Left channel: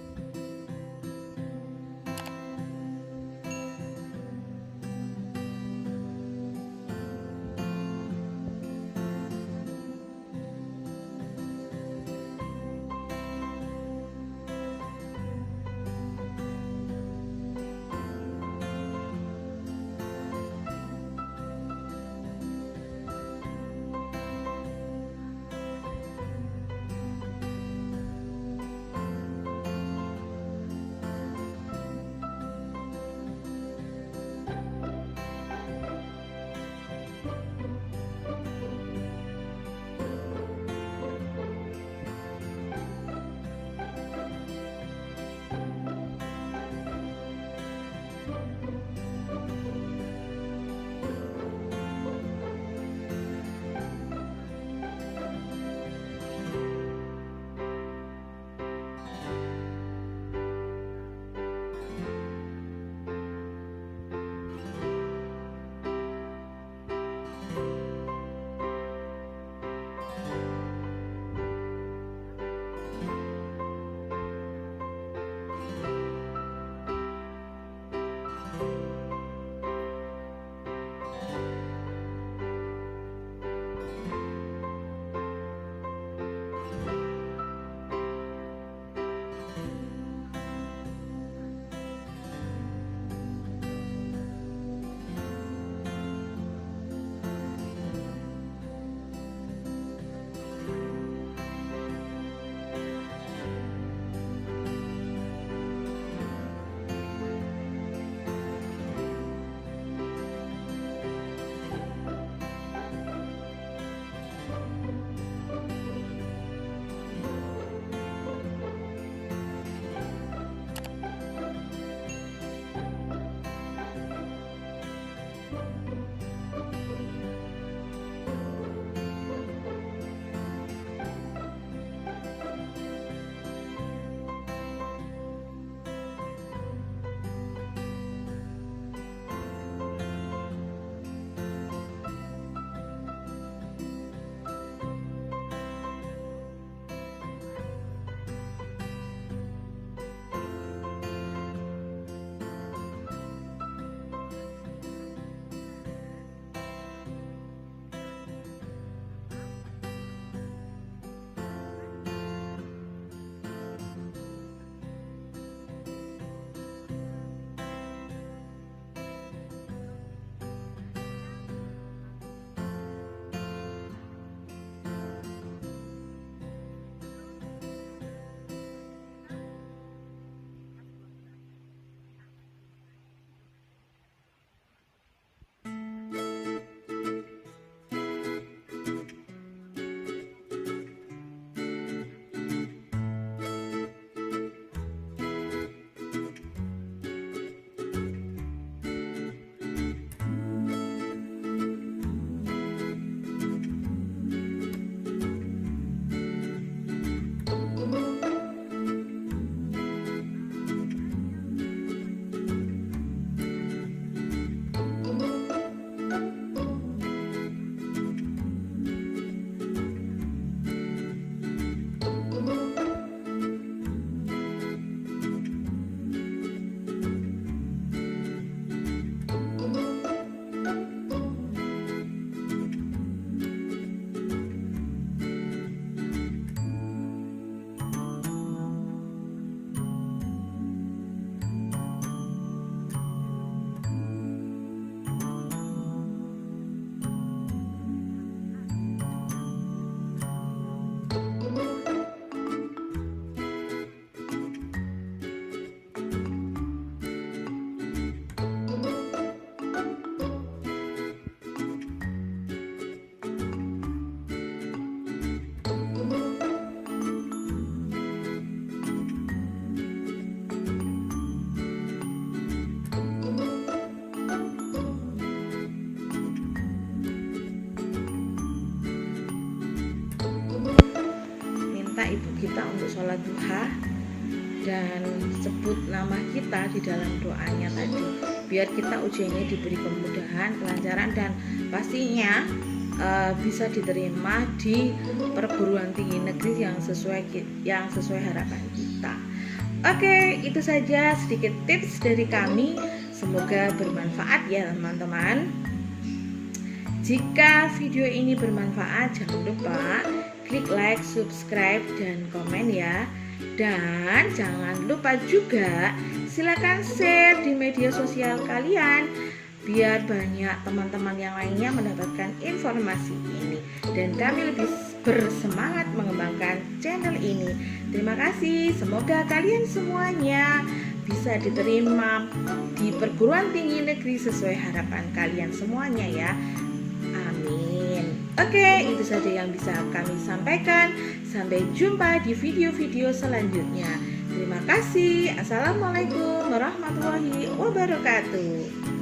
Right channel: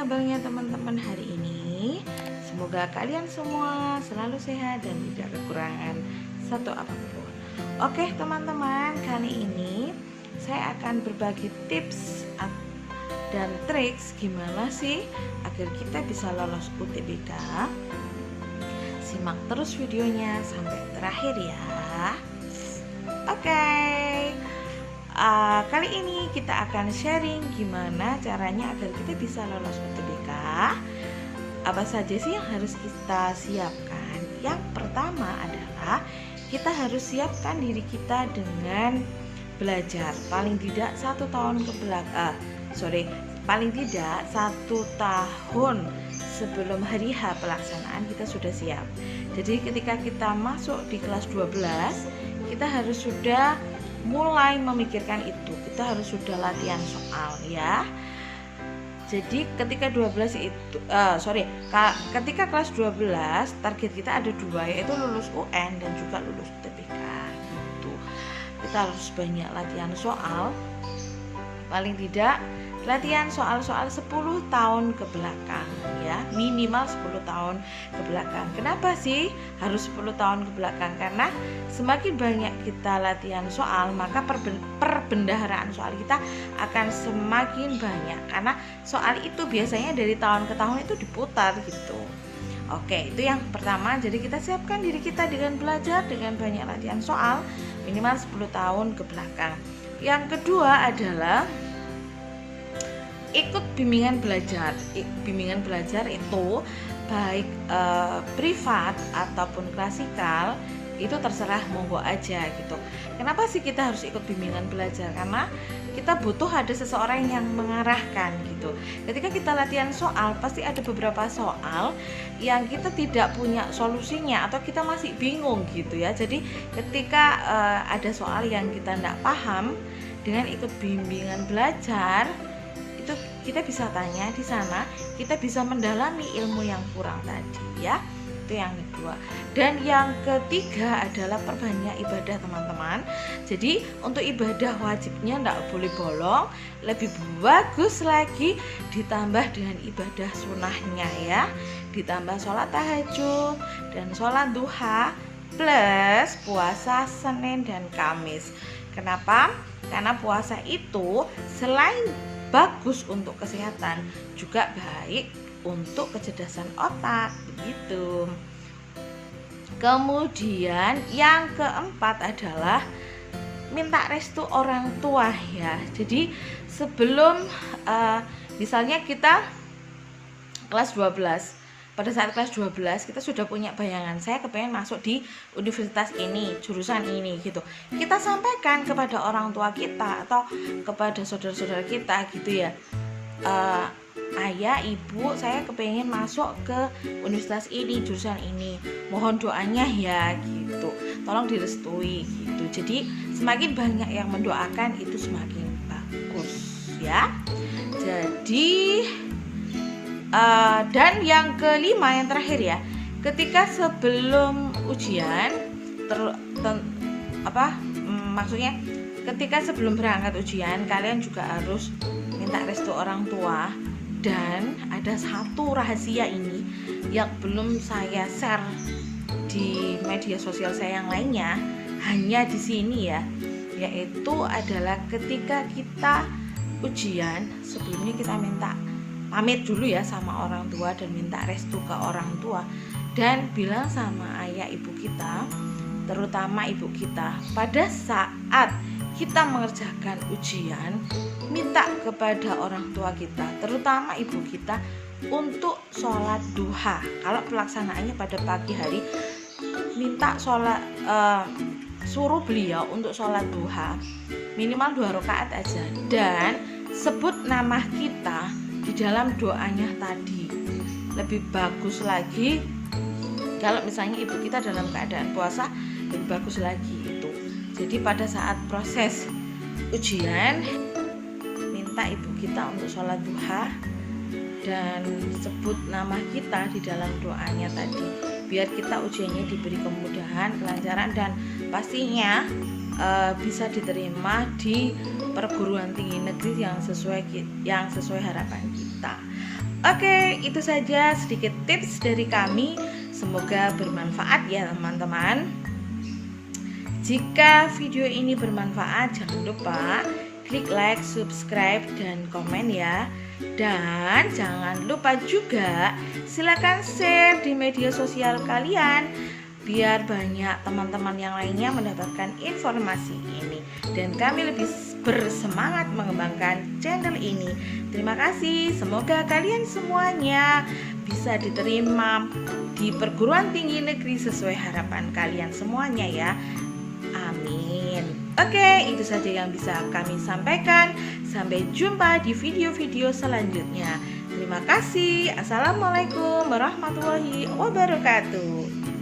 kabarnya teman-teman hari ini? Semoga kalian semua selalu sehat dan tidak kekurangan satu apapun. Oke teman-teman, kali ini saya akan berbagi tips dan triks gimana sih agar kita bisa lolos UTBK. Simak terus videonya sampai terakhir ya. Oke. Kali ini kita akan sharing gimana caranya agar kita bisa lolos UTBK. Apa saja sih yang harus kita siapkan? Yang pertama adalah kita harus siapkan diri kita dengan belajar paling tidak 1 tahun ke belakang. Paling tidak 1 tahun sebelum hari H pelaksanaan kita sudah siap. Jadi ketika kita masuk di kelas 12, kita harus sudah mulai memikirkan itu. Kita harus sudah latihan soal ya. Jadi ketika ketika kelas 12 target kita ada 2, yaitu lulus UN dan juga lulus UTBK gitu. Kita harus banyak latihan soal, paling tidak latihan soal-soal 10 tahun ke belakang ya, minimal 10 tahun ke belakang. Kenapa sih harus 10 tahun ke belakang? Karena semakin banyak kita latihan soal, maka perbendaharaan soal kita akan semakin banyak, karena soal itu biasanya dari tahun ke tahun itu diputar gitu. Oke, itu yang pertama. Jadi kita siapkan diri kita dengan belajar, dengan banyak latihan soal minimal 10 tahun ke belakang. Yang kedua adalah ikut bimbingan belajar. Bimbingan belajar itu baik privat ataupun klasikal, itu terserah monggo aja gitu. Kenapa sih kita harus ikut bimbingan belajar? Karena kita butuh ada seseorang yang mengarahkan gitu. Ketika kita latihan soal, pasti ada beberapa soal yang kita tidak punya solusinya atau kita masih bingung gitu ya. Jadi ketika ada soal yang kita tidak paham, dengan ikut bimbingan belajar itu kita bisa tanya di sana, kita bisa mendalami ilmu yang kurang tadi ya. Itu yang kedua. Dan yang ketiga adalah perbanyak ibadah teman-teman. Jadi untuk ibadah wajibnya tidak boleh bolong, lebih bagus lagi ditambah dengan ibadah sunnahnya ya, ditambah sholat tahajud dan sholat duha plus puasa Senin dan Kamis. Kenapa? Karena puasa itu selain bagus untuk kesehatan, juga baik untuk kecerdasan otak begitu. Kemudian yang keempat adalah minta restu orang tua ya. Jadi sebelum misalnya kita kelas 12, pada saat kelas 12 kita sudah punya bayangan, saya kepengen masuk di universitas ini, jurusan ini gitu. Kita sampaikan kepada orang tua kita atau kepada saudara-saudara kita gitu ya. Ayah, ibu, saya kepengen masuk ke universitas ini, jurusan ini, mohon doanya ya gitu, tolong direstui gitu. Jadi semakin banyak yang mendoakan itu semakin bagus ya. Jadi dan yang kelima, yang terakhir ya, ketika sebelum ujian maksudnya ketika sebelum berangkat ujian, kalian juga harus minta restu orang tua. Dan ada satu rahasia ini yang belum saya share di media sosial saya yang lainnya, hanya di sini ya, yaitu adalah ketika kita ujian, sebelumnya kita minta pamit dulu ya sama orang tua dan minta restu ke orang tua, dan bilang sama ayah ibu kita, terutama ibu kita, pada saat kita mengerjakan ujian, minta kepada orang tua kita, terutama ibu kita, untuk sholat duha. Kalau pelaksanaannya pada pagi hari, minta suruh beliau untuk sholat duha minimal 2 rakaat aja, dan sebut nama kita di dalam doanya tadi. Lebih bagus lagi kalau misalnya ibu kita dalam keadaan puasa, lebih bagus lagi itu. Jadi pada saat proses ujian, minta ibu kita untuk sholat duha dan sebut nama kita di dalam doanya tadi, biar kita ujiannya diberi kemudahan, kelancaran, dan pastinya bisa diterima di perguruan tinggi negeri yang sesuai harapan kita. Oke, itu saja sedikit tips dari kami. Semoga bermanfaat ya teman-teman. Jika video ini bermanfaat, jangan lupa klik like, subscribe, dan komen ya. Dan jangan lupa juga silakan share di media sosial kalian biar banyak teman-teman yang lainnya mendapatkan informasi ini dan kami lebih bersemangat mengembangkan channel ini. Terima kasih, semoga kalian semuanya bisa diterima di perguruan tinggi negeri sesuai harapan kalian semuanya ya. Amin. Oke, itu saja yang bisa kami sampaikan. Sampai jumpa di video-video selanjutnya. Terima kasih. Assalamualaikum warahmatullahi wabarakatuh.